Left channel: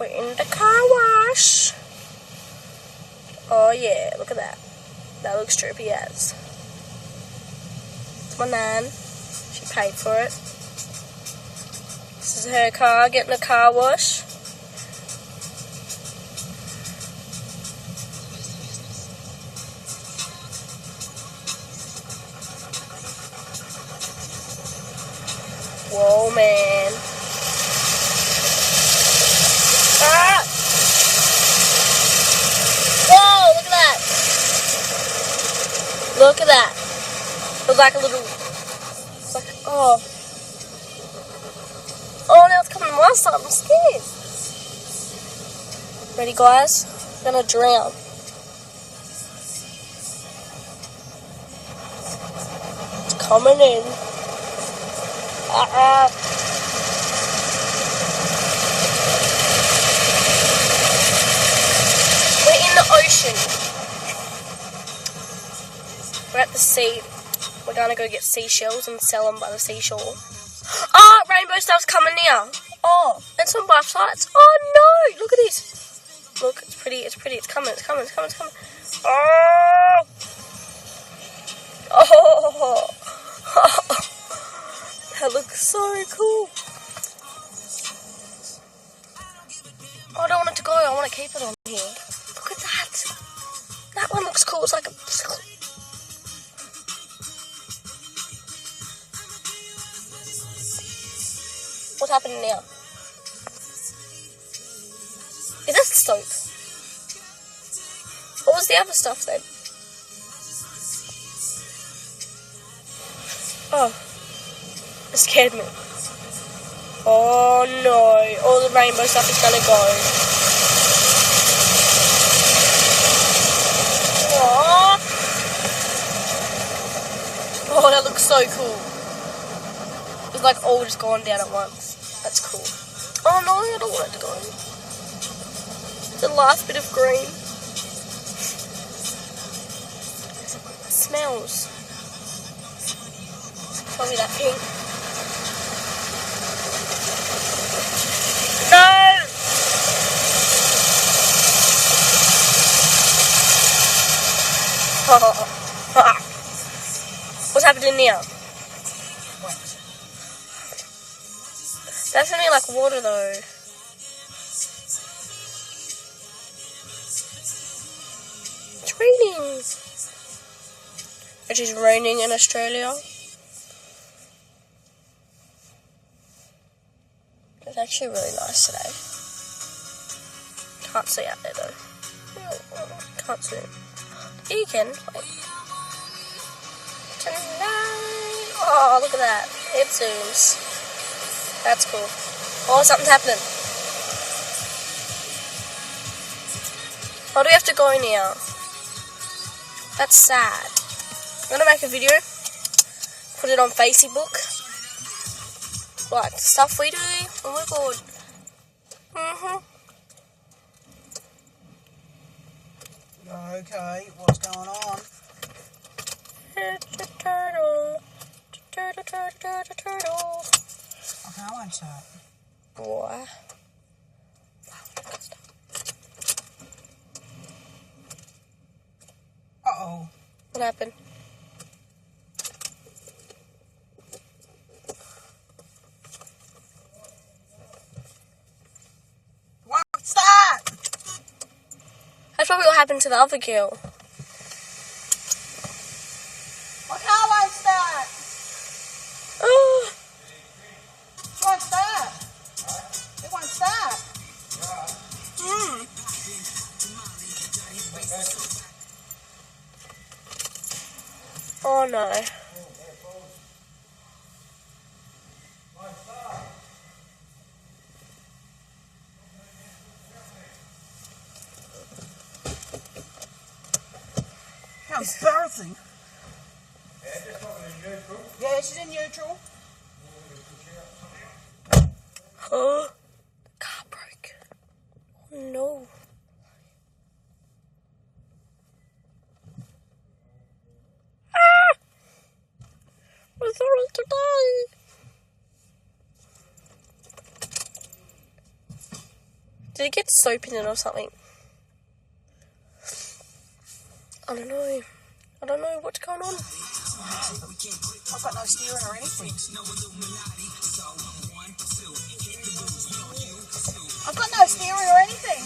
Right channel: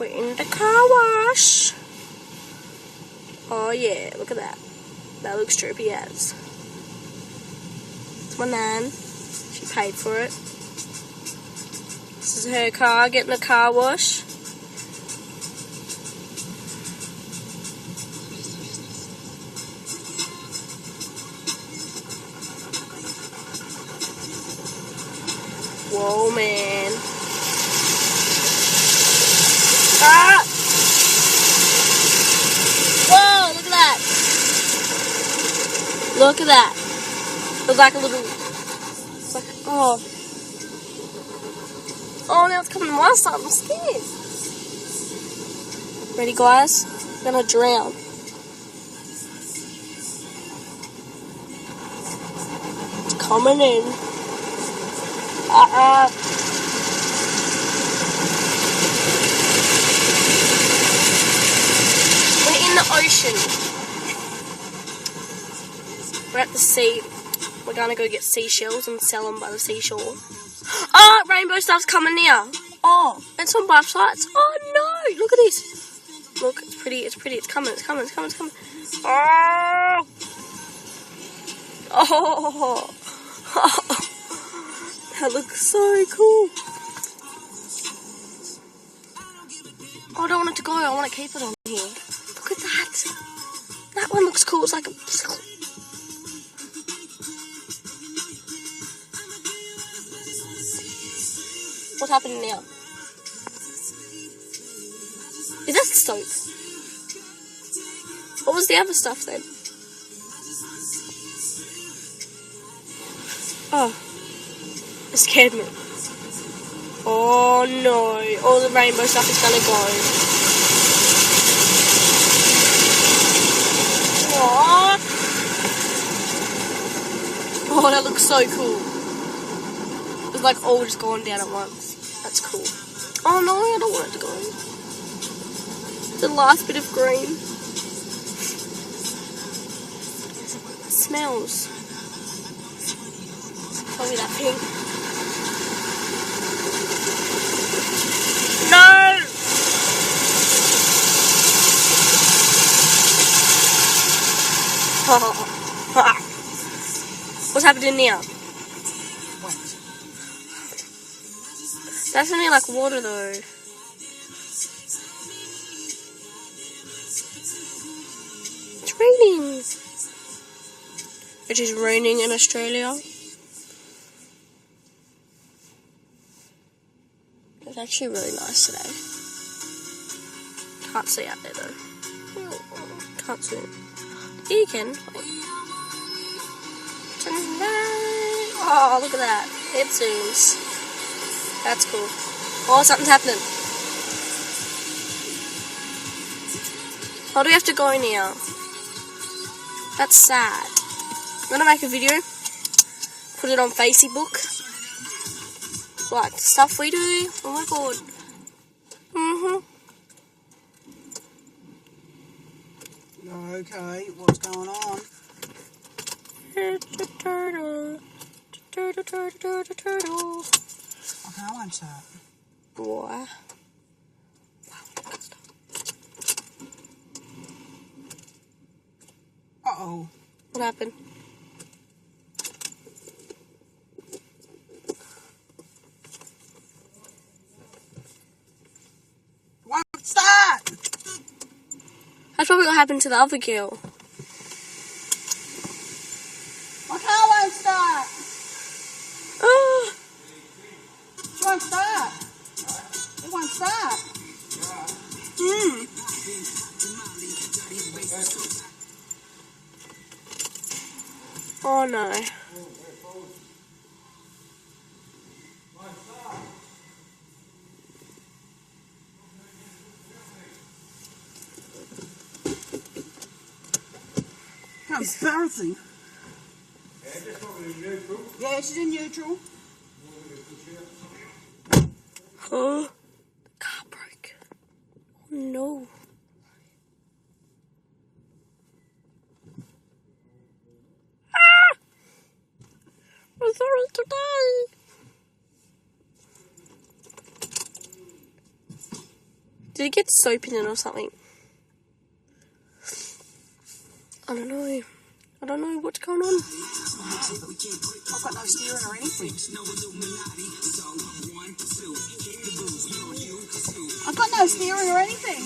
We're in the car wash. Oh yeah, look at that. That looks trippy as. It's my nan. She paid for it. This is her car getting a car wash. Whoa, man. Ah! Whoa, look at that. Look at that. It was like a little... It's like, oh. Oh, now it's coming to my side. I'm scared. Ready, guys? I'm going to drown. It's coming in. We're in the ocean. We're at the sea. We're gonna go get seashells and sell them by the seashore. Oh, rainbow stuff's coming now. Oh, and some butterflies. Oh no, look at this. Look, it's pretty, it's pretty, it's coming, it's coming, it's coming, it's coming. Oh! Oh! That looks so cool. Oh, I don't want it to go. I want to keep it on here. Look at that. That one looks cool. It's like a... What's happening now? Is that soap? What was the other stuff then? Oh. It scared me. Oh no, all the rainbow stuff is gonna go. Aww. Oh, that looks so cool. It's like all just gone down at once. That's cool. Oh no, I don't want it to go. The last bit of green. It smells. Probably that pink. No! What's happening now? What? That's only like water though. It's raining. It is raining in Australia. It's actually really nice today. Can't see out there though. Can't see. Yeah, you can. Wait. Tonight. Oh, look at that. It zooms. That's cool. Oh, something's happening. Oh, do we have to go now? That's sad. I'm gonna make a video. Put it on Facebook. Like stuff we do. Oh my god. Okay, what's going on? It's a turtle. Turtle, turtle, turtle, turtle. Okay, I won't start. Boy. Uh-oh. What happened? Won't start! That's probably what happened to the other girl. My car won't start! Oh. It won't start. It won't start. Oh no. How embarrassing. Yeah, she's in neutral. Oh, the car broke. Oh no. Ah! I'm sorry today. Did it get soap in it or something? I don't know. I don't know what's going on. I've got no steering or anything. I've got no steering or anything.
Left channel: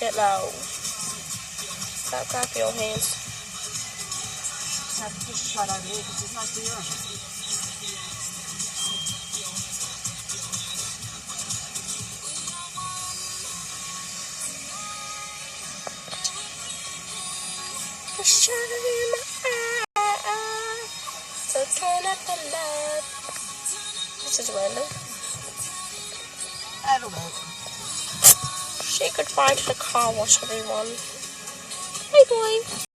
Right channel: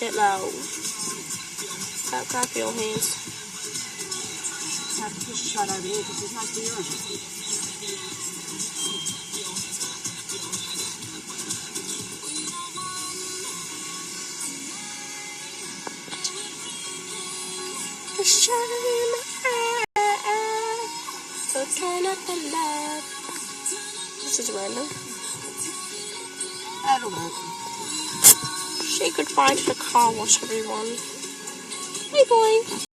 Get low. Grab your hands. I have to push it straight over here because there's no steering. The shadow in my eye. So turn up the love. This is random. That'll work. Say goodbye to the car wash, everyone. Hey, boy.